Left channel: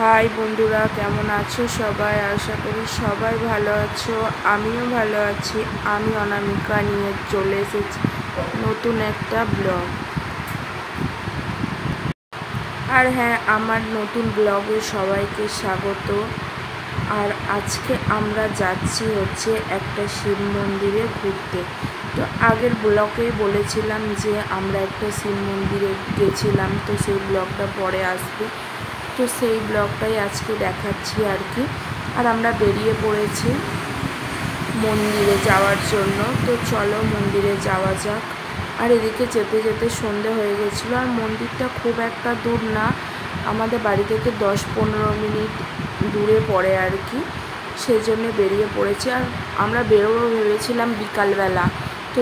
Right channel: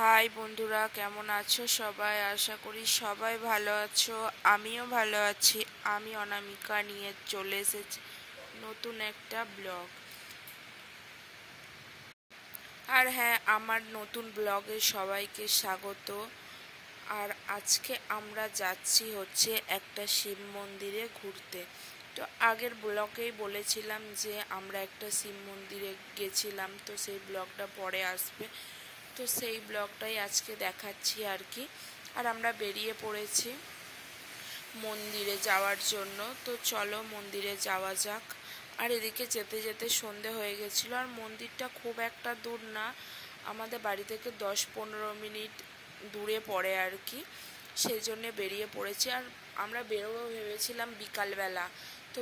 High বন্ধুরা, কেমন আছো সবাই? আশা করি সবাই ভালো আছো। আমিও ভালো আছি। আমি অনামিকা নিয়ে চলে এসেছি নতুন একটা ব্লগ। আর হ্যাঁ, আমার নতুন ব্লগে সবাইকে স্বাগত। আর আজকে আমরা যাচ্ছি একটা শিব মন্দিরে ঘুরতে। তো আগের ব্লগে বলেছিলাম যে আমরা একটা শিব মন্দিরে গেছিলাম, তো সেই ব্লগটা পরে আসবে। তো সেই ব্লগটাই আজকে দেখাচ্ছি আর কি। আর আমরা বেরিয়ে পড়েছি মন্দিরে যাওয়ার জন্য। তো চলো মন্দিরে যাওয়া যাক। আর এদিকে যেতে যেতে সন্ধে হয়ে গেছিলো। আর মন্দিরটা খুব একটা দূর না, আমাদের বাড়ি থেকে 10-15 মিনিট দূরে পড়ে আর কি। সেই জন্যে বেরিয়ে পড়েছি। আর আমরা বেরোবো ভেবেছিলাম বিকালবেলা। তো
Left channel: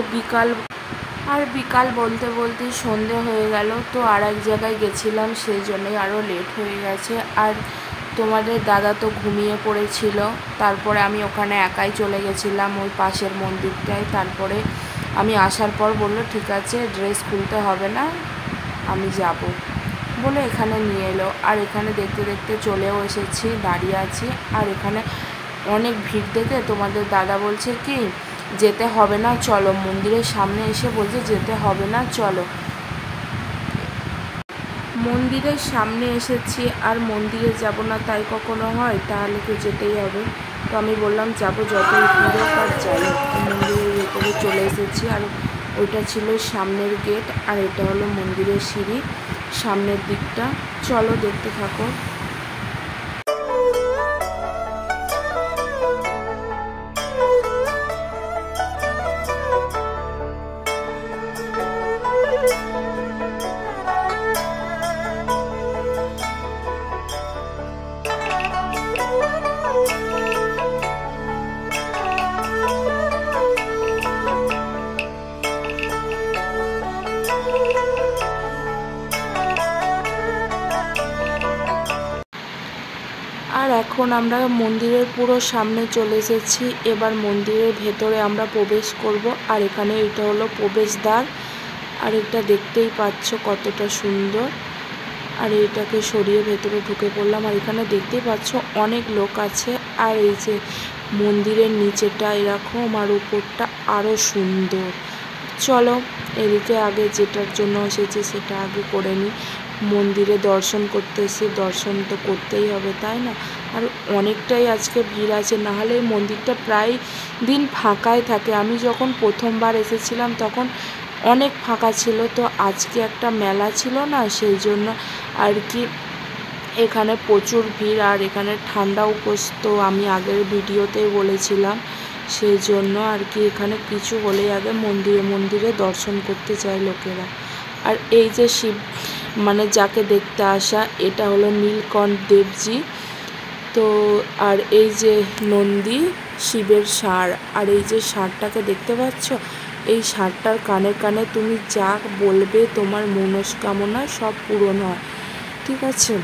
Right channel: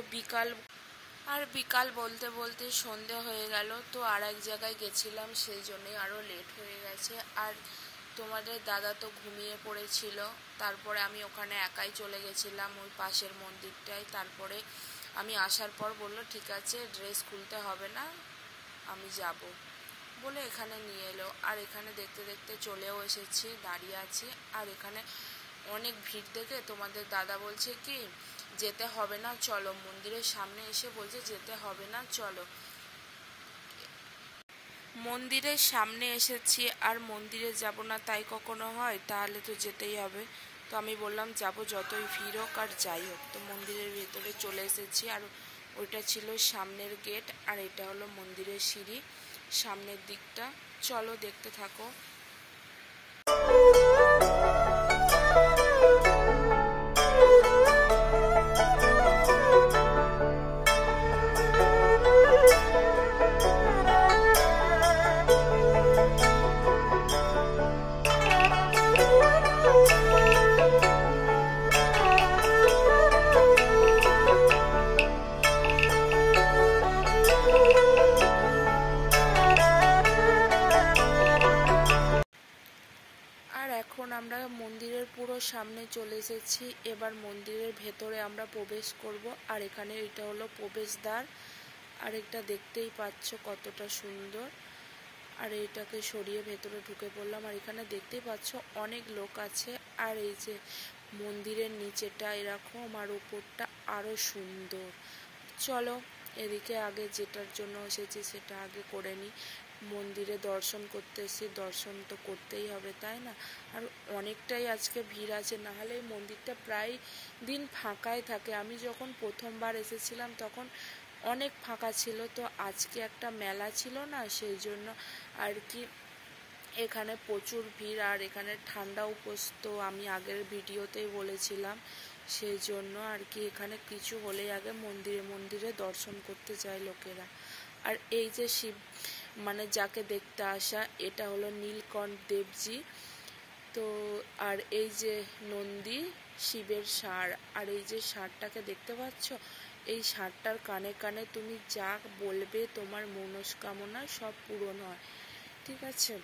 বিকাল বলতে বলতেই সন্ধে হয়ে গেল। তো আর এক জায়গায় গেছিলাম, সেই জন্যই আরও লেট হয়ে গেছে। আর তোমাদের দাদা তো ঘুমিয়ে পড়েছিল। তারপরে আমি ওখানে একাই চলে গেছিলাম ওই পাশের মন্দিরটায়। তারপরে আমি আসার পর বললো ঠিক আছে, ড্রেস খুলতে হবে না, আমি যাব বলে এখানে নিয়ে এলো। আর এখানে দেখতে দেখতে চলেও এসেছি, দাঁড়িয়ে আছি। আর এখানে অনেক ভিড় দেখে তোমাদের দাদা বলছে কি যেতে হবে না, চলো। মন্দিরের সামনে এসে বলছে যেতে হবে না, চলো। মন্দিরের সামনে এসেছি আর মন্দিরে যাব না তাই কখনো হয়? তাহলে তো যেতেই হবে। তো আমি বললাম যাবো, যতই ভিড় হোক আর যাই। মন্দিরের ভেতরে চলে এসেছি। আর ওইটা ছিল সামনের গেট, আর এটা হলো মন্দিরের সিঁড়ি সামনের দিকটা। চলো দেখতে থাকো। আর এখন আমরা মন্দিরের পুরো সামনে চলে এসেছি। এবার মন্দিরের ভেতরে আমরা প্রবেশ করব। আর এখানে এটা হলো প্রবেশদ্বার। আর এটা দেখতেই পাচ্ছ কতটা সুন্দর। আর এটাকে সরিয়ে ভেতরে ঢুকে পড়লাম। আর এখানে দেখতেই পাচ্ছ অনেক লোক আছে। আর এই যে মন্দিরের নিচেটা এরকম, আর উপরটা আরও সুন্দর। চলো এদিকে আগে যেটার জন্য এসেছি সেটা আগে করে নিই। মন্দিরে দর্শন করতে এসে দর্শন তো করতেই হবে, তাই না? আর অনেকটাই আজকে ভিড় আছে, নাহলে এই মন্দিরটা প্রায় দিন ফাঁকাই থাকে। আমি যখন প্রথমবার এসেছিলাম তখন অনেক ফাঁকা ছিল। তো আজকে একটা মেলা ছিল না, সেই জন্য আর কি এখানে প্রচুর ভিড়। আর এখানে ঠান্ডাও পড়তো, আমি আগের ভিডিওতেই বলেছিলাম। সেই জন্য আর কি এখানে কিছু হলেই আগে মন্দিরে দর্শন করতে চায় লোকেরা। আর এই যে শিব যাকে দেখতে আসা, এটা হলো নীলকণ্ঠ দেবজি। তো আর এই যে নন্দী, শিবের ষাঁড়। আর এই যে ষাঁড়টাকে দেখতে পাচ্ছ, এই ষাঁড়টার কানে কানে তুমি যা বলবে তোমার মনস্কামনা সব পূরণ হয়, ঠিক আছে?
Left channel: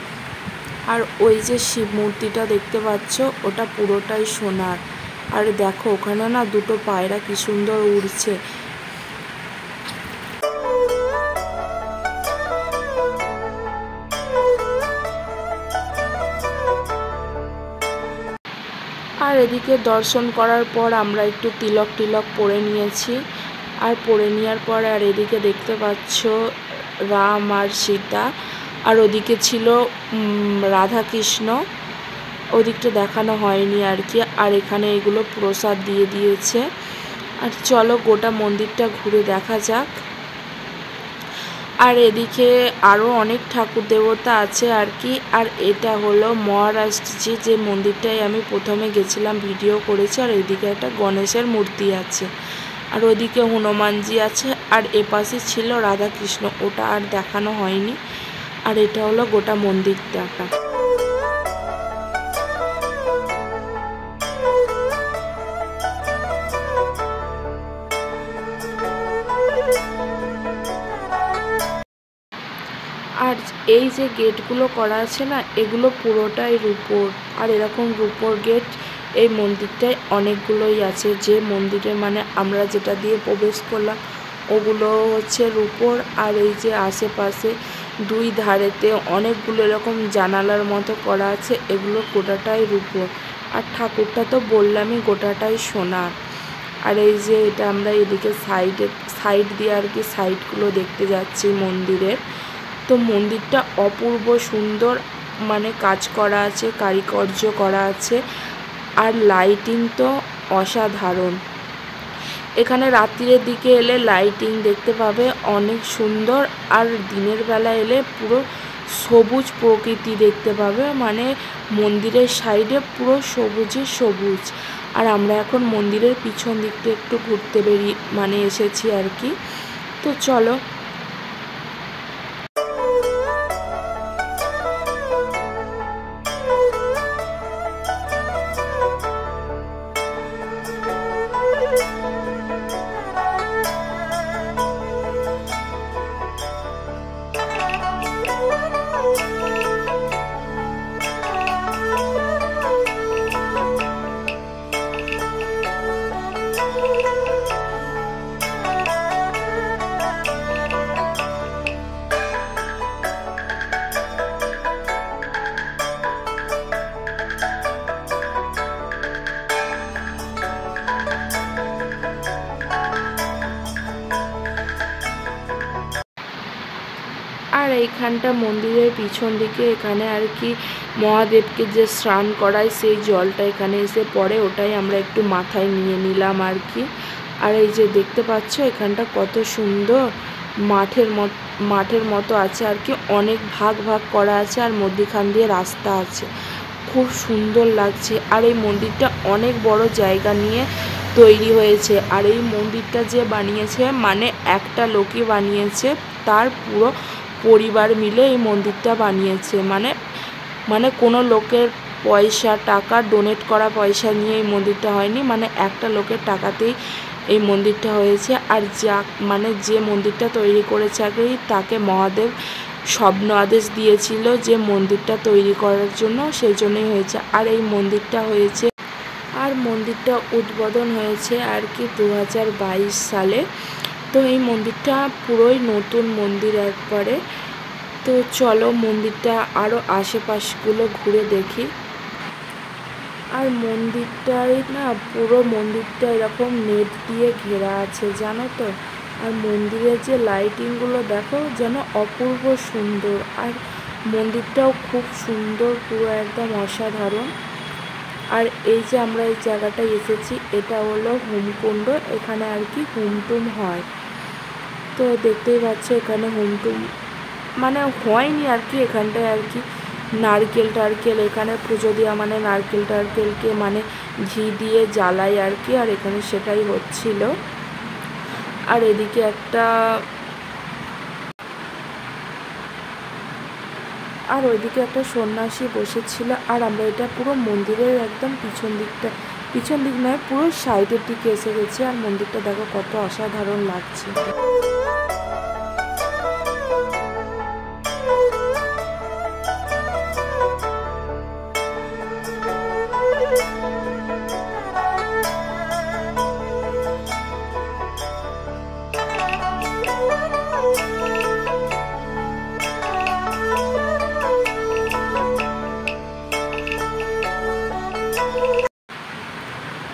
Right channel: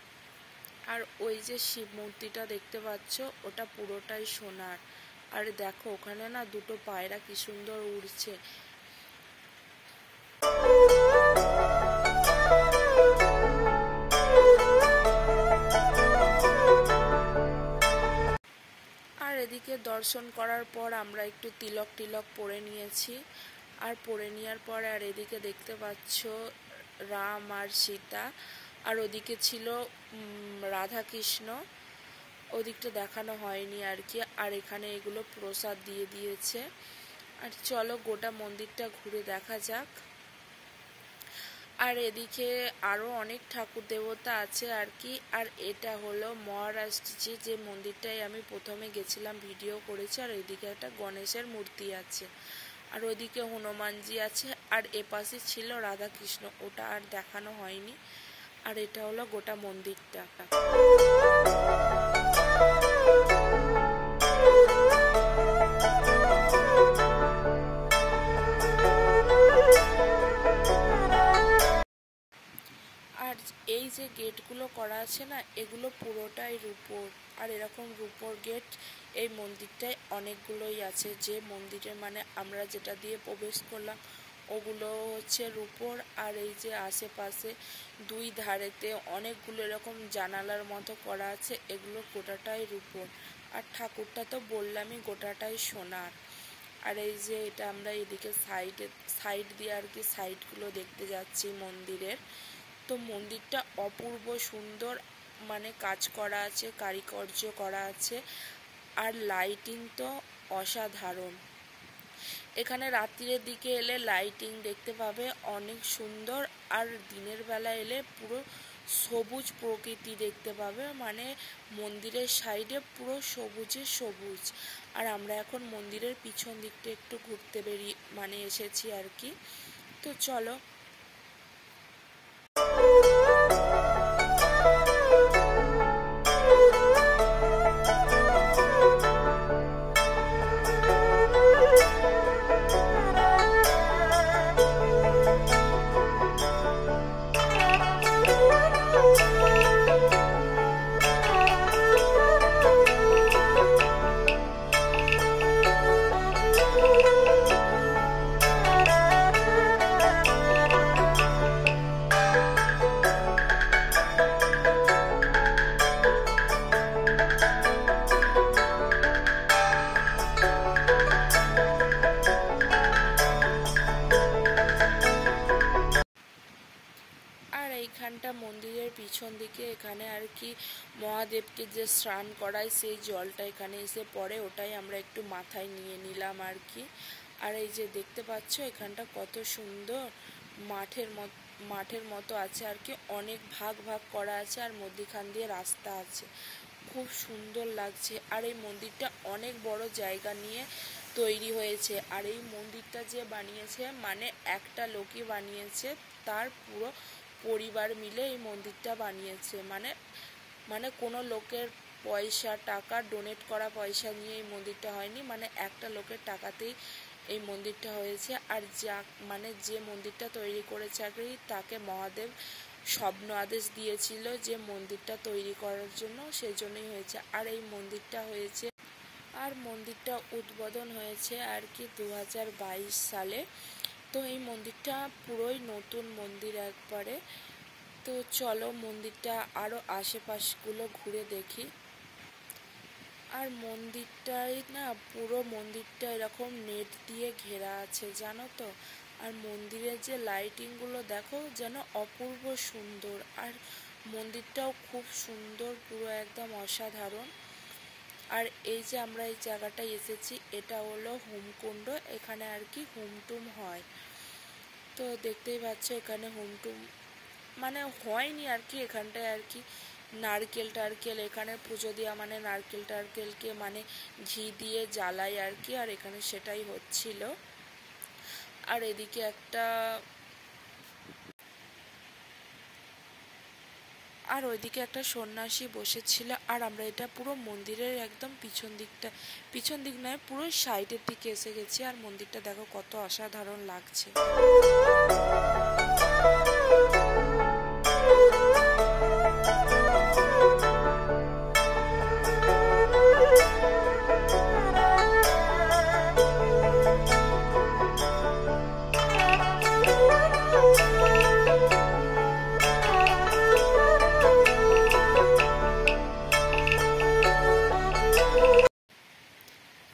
আর ওই যে শিব মূর্তিটা দেখতে পাচ্ছ, ওটা পুরোটাই সোনার। আর দেখো ওখানে না দুটো পায়রা কি সুন্দর উড়ছে। আর এদিকে দর্শন করার পর আমরা একটু তিলক পরে নিয়েছি। আর পরে নেওয়ার পর আর এদিকে দেখতে পাচ্ছ রাম আর সীতা। আর ওদিকে ছিল রাধাকৃষ্ণ, ওদিকটা দেখানো হয়নি আর কি। আর এখানে এগুলো প্রসাদ দিয়ে দিয়েছে। আর চলো গোটা মন্দিরটা ঘুরে দেখা যাক। আর এদিকে আরও অনেক ঠাকুর দেবতা আছে আর কি। আর এটা হলো মহারাষ্ট্রজি, যে মন্দিরটায় আমি প্রথমে গেছিলাম, ভিডিও করেছি। আর এদিকে একটা গণেশের মূর্তি আছে। আর ওদিকে হনুমানজি আছে। আর এপাশে ছিল রাধাকৃষ্ণ, ওটা আর দেখানো হয়নি। আর এটা হলো গোটা মন্দিরটা। আর এই যে গেটগুলো করা আছে না, এগুলো পুরোটাই রূপোর। আর এরকম রূপোর গেট এই মন্দিরটায় অনেকগুলোই আছে। যে মন্দিরে আমরা যেটা দিয়ে প্রবেশ করলাম ওগুলো হচ্ছে রূপোর। আর এই যে আশেপাশে দুই ধারেতে অনেকগুলো এরকম জানালার মতো করা আছে, এগুলো গোটাটাই রূপোর। আর ঠাকুরটা তো বললামই গোটাটাই সোনার। আর এই যে এটা আমরা এদিকে সাইড দিয়ে আর কি সাইডগুলো দেখতে যাচ্ছি মন্দিরের। তো মন্দিরটা অপূর্ব সুন্দর, মানে কাজ করা আছে, কারুকার্য করা আছে, আর লাইটিং তো অসাধারণ। এখানে রাত্রির দিকে এলে লাইটিং দেখতে পাবে অনেক সুন্দর, আর দিনের বেলা এলে পুরো সবুজ প্রকৃতি দেখতে পাবে, মানে মন্দিরের সাইডে পুরো সবুজে সবুজ। আর আমরা এখন মন্দিরের পিছন দিকটা একটু ঘুরতে এসেছি আর কি। তো চলো। আর এইখানটা মন্দিরের পিছন দিকে এখানে আর কি মহাদেবকে যে স্নান করায় সেই জলটা এখানে এসে পড়ে, ওটাই আমরা একটু মাথায় নিয়ে নিলাম আর কি। আর এই যে দেখতে পাচ্ছ এখানটা কত সুন্দর মাঠের মতো আছে আর কি, অনেক ভাগ ভাগ করা আছে, আর মধ্যিখান দিয়ে রাস্তা আছে, খুব সুন্দর লাগছে। আর এই মন্দিরটা অনেক বড় জায়গা নিয়ে তৈরি হয়েছে। আর এই মন্দিরটা যে বানিয়েছে মানে একটা লোকই বানিয়েছে, তার পুরো পরিবার মিলে এই মন্দিরটা বানিয়েছে। মানে কোনো লোকের টাকা ডোনেট করা পয়সা নিয়ে এই মন্দিরটা হয়নি, মানে একটা লোকের টাকাতেই এই মন্দিরটা হয়েছে। আর যে মন্দিরটা তৈরি করেছে আগে, তাকে মহাদেব স্বপ্ন আদেশ দিয়েছিল যে মন্দিরটা তৈরি করার জন্য, সেই জন্যই হয়েছে। আর এই মন্দিরটা হয়েছে, আর মন্দিরটা উদ্বোধন হয়েছে আর কি 2022 সালে। তো এই মন্দিরটা পুরোই নতুন মন্দির একবারে। তো চলো মন্দিরটা আরও আশেপাশগুলো ঘুরে দেখি। আর মন্দিরটাই না, পুরো মন্দিরটা এরকম নেট দিয়ে ঘেরা আছে জানো তো। আর মন্দিরের যে লাইটিংগুলো দেখো যেন অপূর্ব সুন্দর, আর মন্দিরটাও খুব সুন্দর, পুরো একদম অসাধারণ। আর এই যে আমরা এই জায়গাটায় এসেছি, এটা হলো হোমকুণ্ড, এখানে আর কি হোমটুম হয়। তো দেখতেই পাচ্ছ এখানে হোমটুম মানে হয়নি আর কি, এখানটায় আর কি নারকেল এখানে পুজো দেওয়া, মানে নারকেলকে মানে ঘি দিয়ে জ্বালাই আর কি, আর এখানে সেটাই হচ্ছিল। আর এদিকে ওইদিকে একটা সন্ন্যাসী বসেছিল। আর আমরা এটা পুরো মন্দিরের একদম পিছন দিক নয়, পুরো সাইডের দিকে এসে গেছি। আর মন্দিরটা দেখো কত অসাধারণ লাগছে।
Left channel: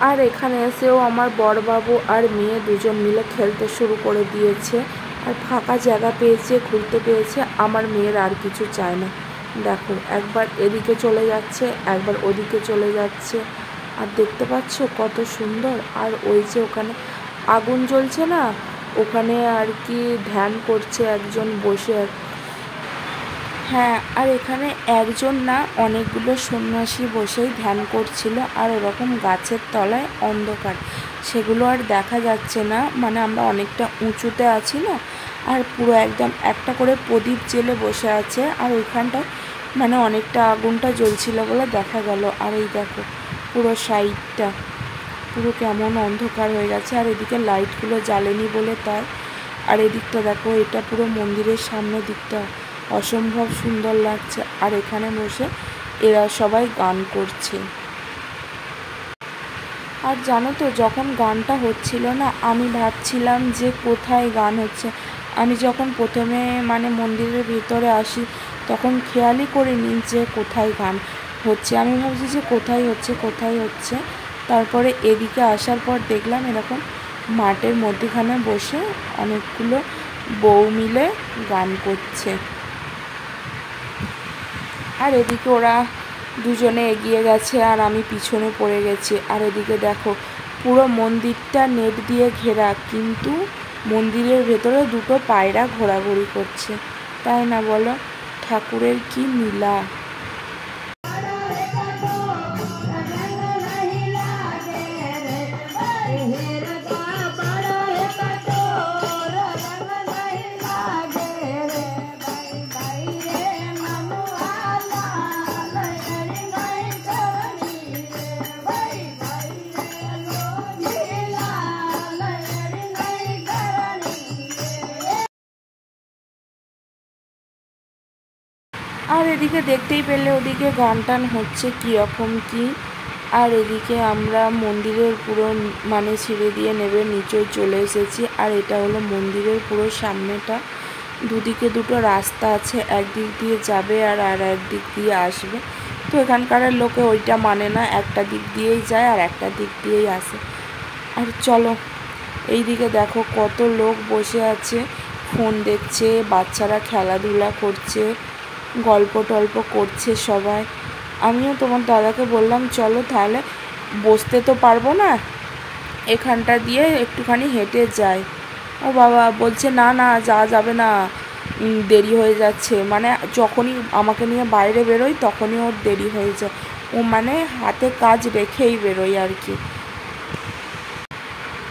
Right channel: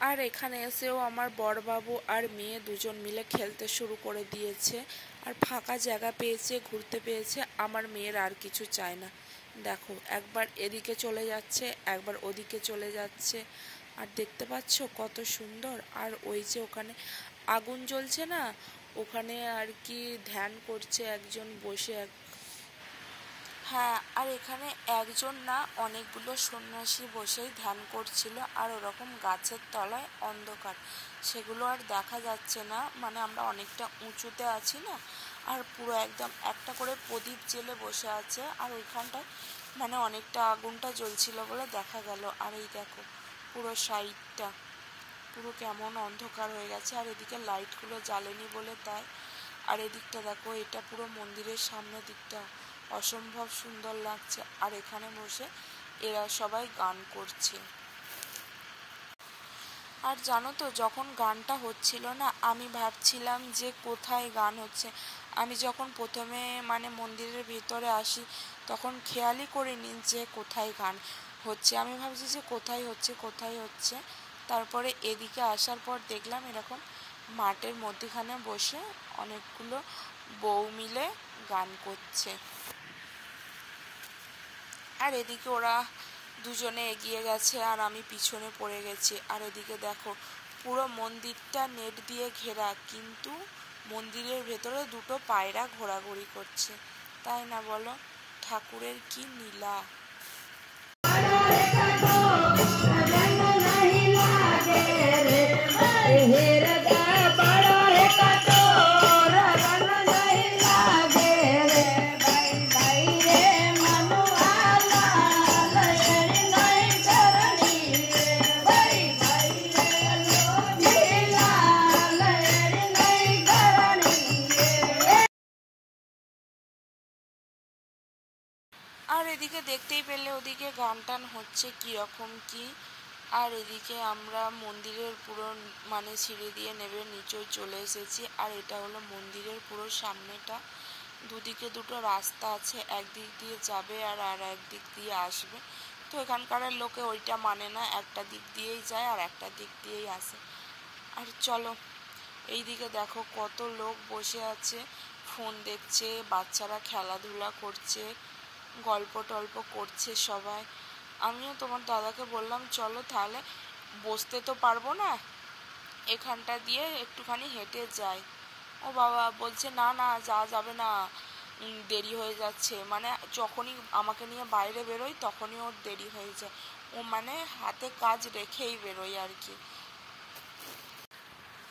আর এখানে এসেও আমার বড়বাবু আর মেয়ে দুজন মিলে খেলতে শুরু করে দিয়েছে। আর ফাঁকা জায়গা পেয়েছে, ঘুরতে পেয়েছে, আমার মেয়ের আর কিছু চায় না। দেখো একবার এদিকে চলে যাচ্ছে, একবার ওদিকে চলে যাচ্ছে। আর দেখতে পাচ্ছ কত সুন্দর। আর ওই যে ওখানে আগুন জ্বলছে না, ওখানে আর কি ধ্যান করছে একজন বসে। হ্যাঁ, আর এখানে একজন না অনেকগুলো সন্ন্যাসী বসেই ধ্যান করছিল। আর ওরকম গাছের তলায় অন্ধকার, সেগুলো আর দেখা যাচ্ছে না, মানে আমরা অনেকটা উঁচুতে আছি না। আর পুরো একদম একটা করে প্রদীপ জেলে বসে আছে, আর ওইখানটা মানে অনেকটা আগুনটা জ্বলছিল বলে দেখা গেল। আর এই দেখো পুরো সাইডটা পুরো কেমন অন্ধকার হয়ে গেছে, আর এদিকে লাইটগুলো জ্বালেনি বলে তাই। আর এদিকটা দেখো, এটা পুরো মন্দিরের সামনের দিকটা অসম্ভব সুন্দর লাগছে। আর এখানে বসে এরা সবাই গান করছে। আর জানো তো, যখন গানটা হচ্ছিল না, আমি ভাবছিলাম যে কোথায় গান হচ্ছে। আমি যখন প্রথমে মানে মন্দিরের ভিতরে আসি তখন খেয়ালই করিনি যে কোথায় গান হচ্ছে। আমি ভাবছি যে কোথায় হচ্ছে। তারপরে এদিকে আসার পর দেখলাম এরকম মাঠের মধ্যখানে বসে অনেকগুলো বউ মিলে গান করছে। আর এদিকে ওরা দুজনে এগিয়ে গেছে আর আমি পিছনে পড়ে গেছি। আর এদিকে দেখো পুরো মন্দিরটা নেট দিয়ে ঘেরা, কিন্তু মন্দিরের ভেতরে দুটো পায়রা ঘোরাঘুরি করছে, তাই না বলো? ঠাকুরের কি লীলা। আর এদিকে দেখতেই পেলে ওদিকে গান টান হচ্ছে কীরকম কী। আর এদিকে আমরা মন্দিরের পুরো মানে সিঁড়ি দিয়ে নেবে নিচে চলে এসেছি। আর এটা হলো মন্দিরের পুরো সামনেটা, দুদিকে দুটো রাস্তা আছে, একদিক দিয়ে যাবে আর একদিক দিয়ে আসবে। তো এখানকার লোকে ওইটা মানে না, একটা দিক দিয়েই যায় আর একটা দিক দিয়েই আসে। আর চলো এইদিকে দেখো কত লোক বসে আছে, ফোন দেখছে, বাচ্চারা খেলাধুলা করছে, গল্প টল্প করছে সবাই। আমিও তোমার দাদাকে বললাম চলো তাহলে, বসতে তো পারবো না, এখানটা দিয়ে একটুখানি হেঁটে যাই। ও বাবা বলছে না না যাওয়া যাবে না, দেরি হয়ে যাচ্ছে। মানে যখনই আমাকে নিয়ে বাইরে বেরোই তখনই ওর দেরি হয়ে যায়, ও মানে হাতে কাজ রেখেই বেরোই আর কি।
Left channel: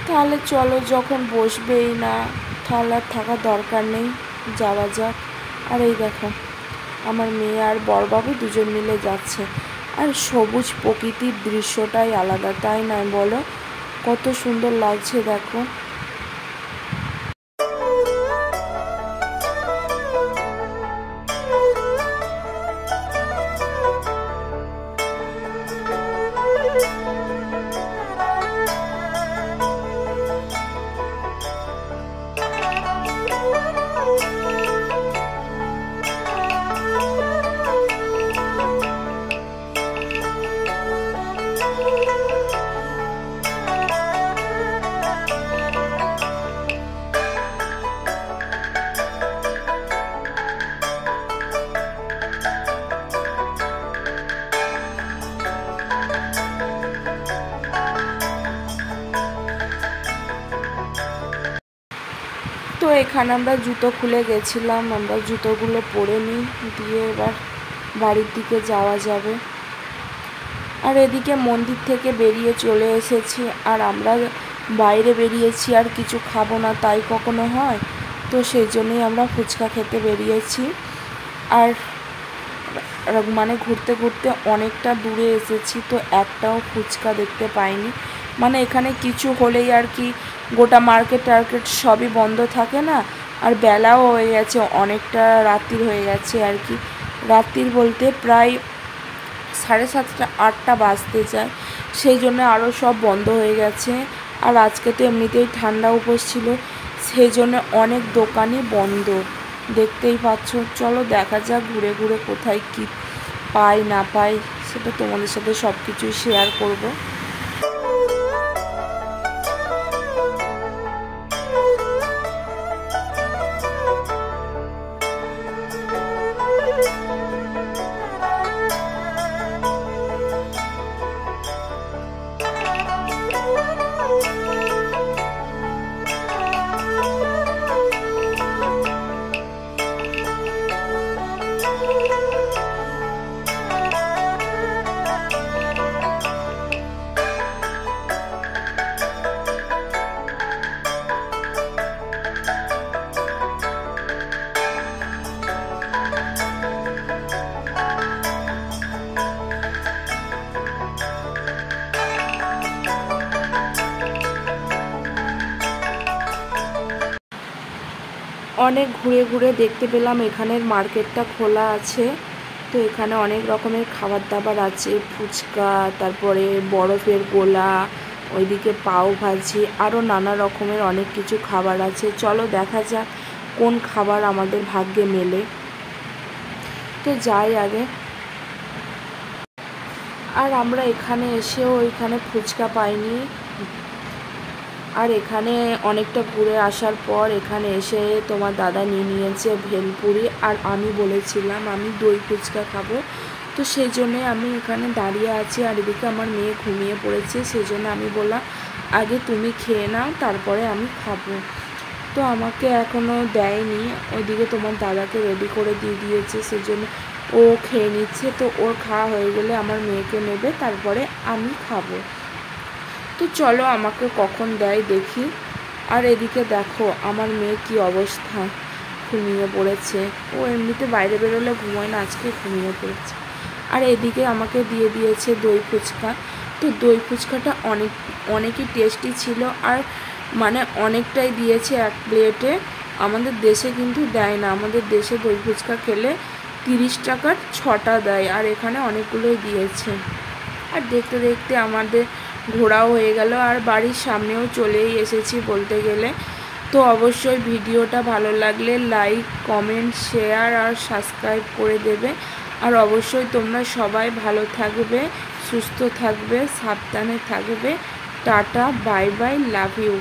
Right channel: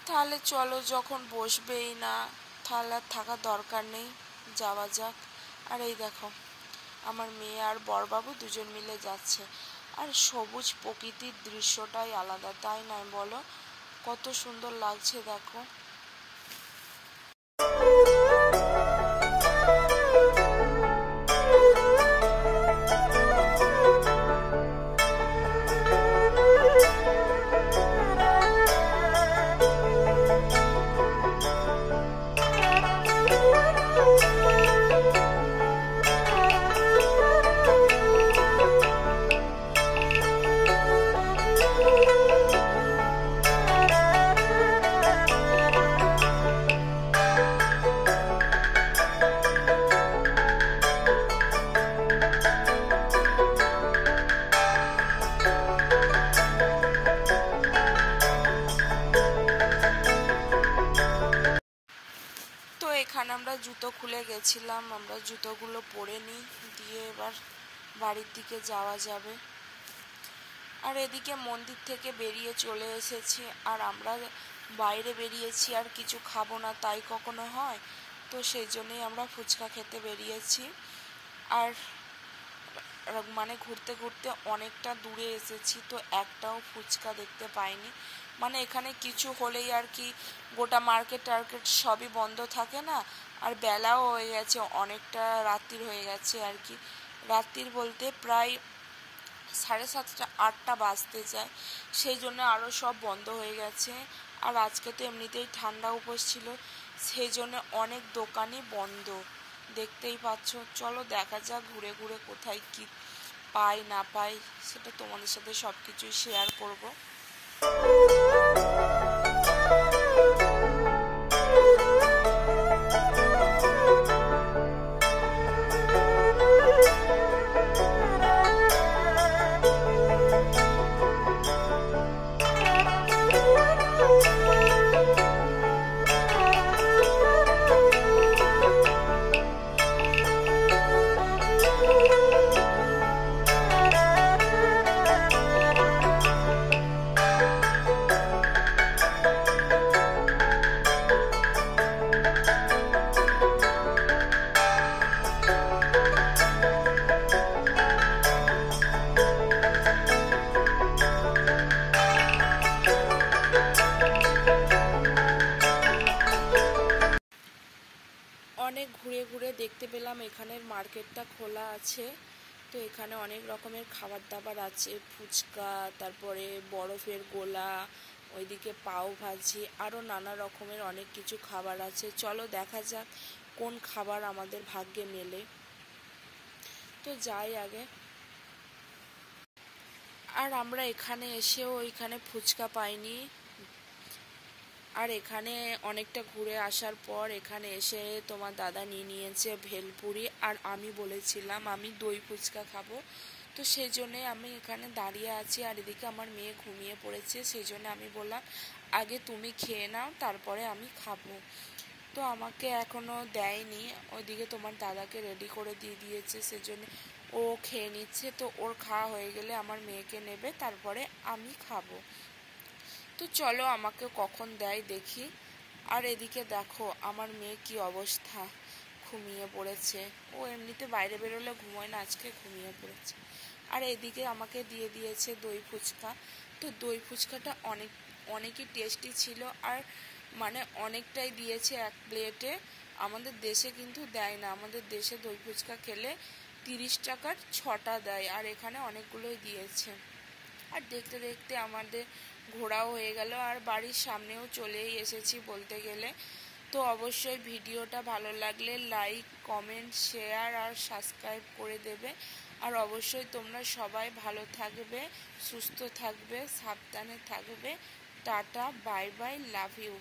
তাহলে চলো, যখন বসবেই না তাহলে আর থাকার দরকার নেই, যাওয়া যাক। আর এই দেখো আমার মেয়ে আর বড়বাবু দুজন মিলে যাচ্ছে। আর সবুজ প্রকৃতির দৃশ্যটাই আলাদা, তাই নয় বলো? কত সুন্দর লাগছে দেখো। তো এখানে আমরা জুতো খুলে গেছিলাম, আমরা জুতোগুলো পরে নিই, দিয়ে এবার বাড়ির দিকে যাওয়া যাবে। আর এদিকে মন্দির থেকে বেরিয়ে চলে এসেছি, আর আমরা বাইরে বেরিয়েছি আর কিছু খাবো না তাই কখনো হয়, তো সেই জন্যই আমরা ফুচকা খেতে বেরিয়েছি। আর মানে ঘুরতে ঘুরতে অনেকটা দূরে এসেছি, তো একটাও ফুচকা দেখতে পাইনি। মানে এখানে কিছু হলেই আর কি গোটা মার্কেট টার্কেট সবই বন্ধ থাকে না। আর বেলাও হয়ে গেছে, অনেকটা রাত্রির হয়ে গেছে আর কি। রাত্রির বলতে প্রায় 7:30 8টা বাজতে যায়, সেই জন্য আরও সব বন্ধ হয়ে গেছে। আর আজকে তো এমনিতেই ঠান্ডা উপোস ছিল, সেই জন্য অনেক দোকানই বন্ধ, দেখতেই পাচ্ছ। চলো দেখা যাক ঘুরে ঘুরে কোথায় কি পাই না পাই, সেটা তোমাদের সাথে সব কিছুই শেয়ার করব। অনেক ঘুরে ঘুরে দেখতে পেলাম এখানের মার্কেটটা খোলা আছে, তো এখানে অনেক রকমের খাবার দাবার আছে, ফুচকা, তারপরে বরফের গোলা, ওইদিকে পাও ভাজি, আরও নানা রকমের অনেক কিছু খাবার আছে। চলো দেখা যাক কোন খাবার আমাদের ভাগ্যে মেলে। তো যাই আগে। আর আমরা এখানে এসেও এখানে ফুচকা পাইনি। আর এখানে অনেকটা ঘুরে আসার পর এখানে এসে তোমার দাদা নিয়েছে ভেলপুরি, আর আমি বলেছিলাম আমি দই ফুচকা খাবো। তো সেই জন্যে আমি এখানে দাঁড়িয়ে আছি, আর এদিকে আমার মেয়ে ঘুমিয়ে পড়েছে। সেই জন্য আমি বললাম আগে তুমি খেয়ে নাও, তারপরে আমি খাবো। তো আমাকে এখনও দেয়নি, ওইদিকে তোমার দাদাকে রেডি করে দিয়ে দিয়েছে, সেজন্য ও খেয়ে নিচ্ছে। তো ওর খাওয়া হয়ে গেলে আমার মেয়েকে নেবে, তারপরে আমি খাবো। তো চলো আমাকে কখন দেয় দেখি। আর এদিকে দেখো আমার মেয়ে কি অবস্থা, ঘুমিয়ে পড়েছে। ও এমনিতে বাইরে বেরোলে ঘুমোয় না, আজকে ঘুমিয়ে পড়েছে। আর এদিকে আমাকে দিয়ে দিয়েছে দই ফুচকা। তো দই ফুচকাটা অনেকই টেস্টি ছিল, আর মানে অনেকটাই দিয়েছে এক প্লেটে। আমাদের দেশে কিন্তু দেয় না, আমাদের দেশে দই ফুচকা খেলে 30 টাকার 6টা দেয়, আর এখানে অনেকগুলোই দিয়েছে। আর দেখতে দেখতে আমাদের ঘোরাও হয়ে গেল, আর বাড়ির সামনেও চলেই এসেছি বলতে গেলে। তো অবশ্যই ভিডিওটা ভালো লাগলে লাইক, কমেন্ট, শেয়ার আর সাবস্ক্রাইব করে দেবে। আর অবশ্যই তোমরা সবাই ভালো থাকবে, সুস্থ থাকবে, সাবধানে থাকবে। Tata, bye bye, love you.